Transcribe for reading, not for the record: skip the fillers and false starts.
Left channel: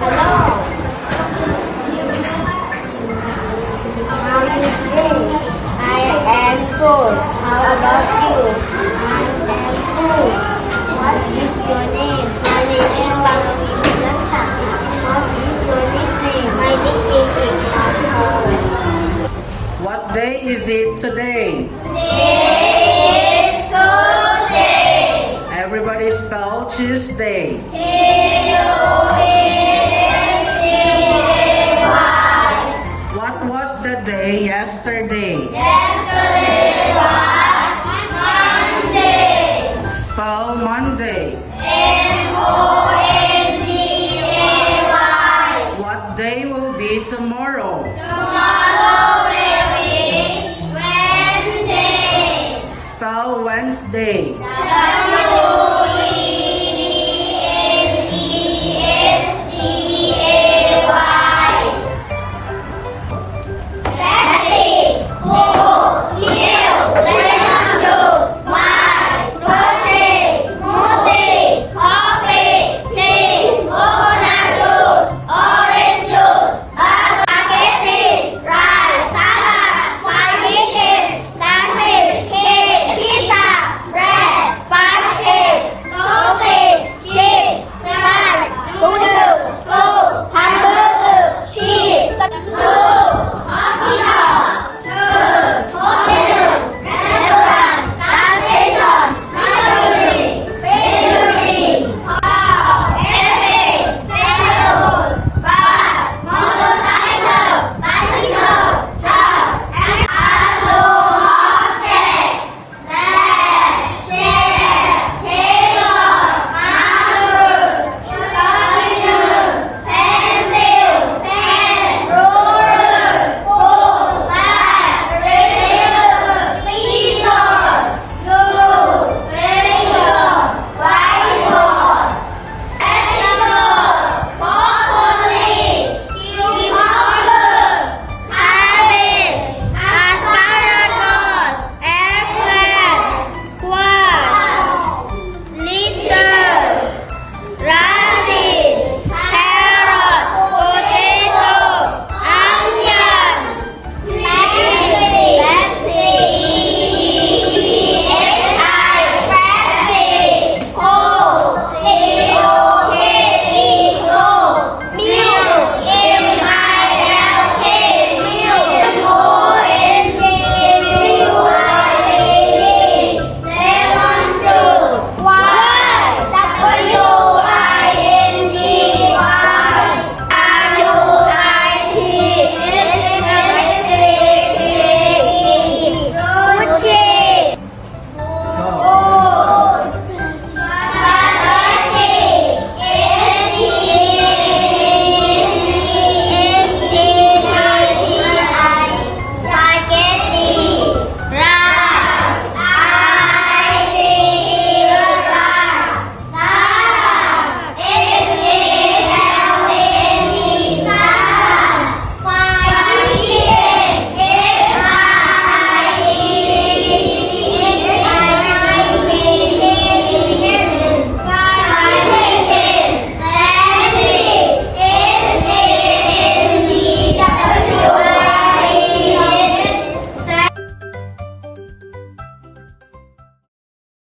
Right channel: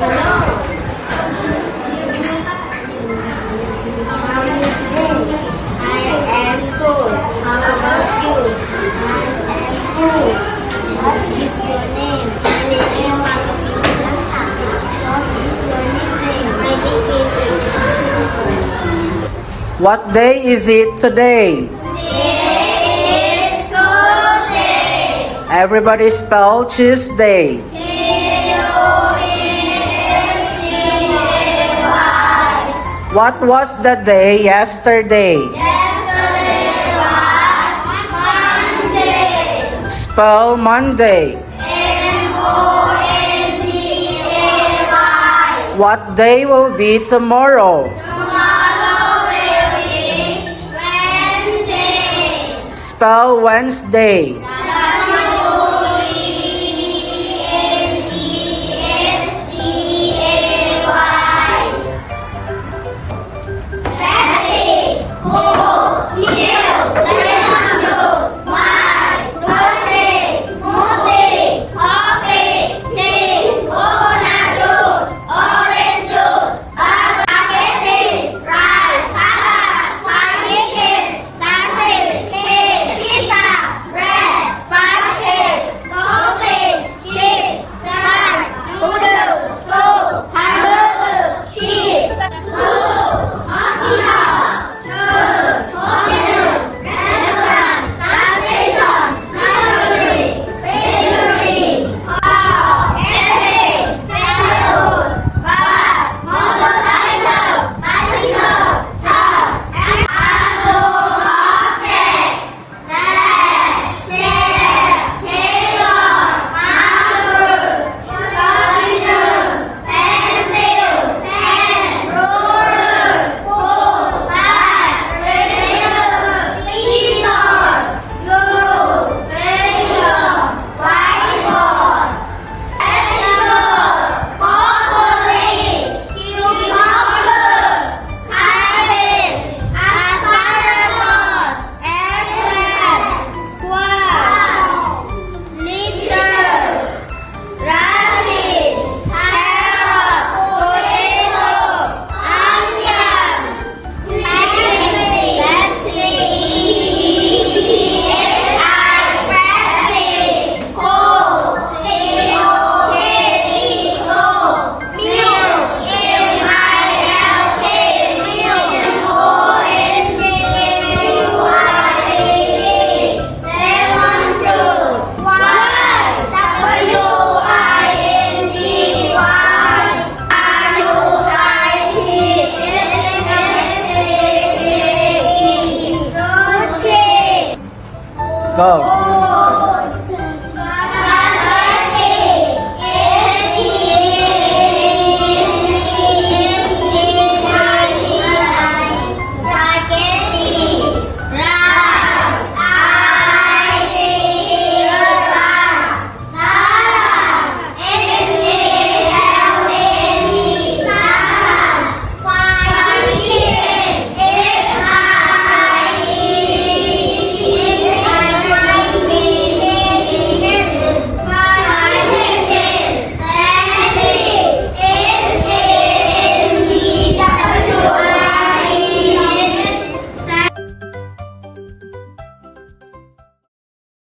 I am good. How about you? I am good. What is your name? My name is Vanessa. What is your nickname? My nickname is Vanessa. What day is it today? Today is Tuesday. Everybody spell Tuesday. What was the day yesterday? Yesterday was Monday. Spell Monday. M-O-N-D-A-Y. What day will be tomorrow? Tomorrow will be Wednesday. Spell Wednesday.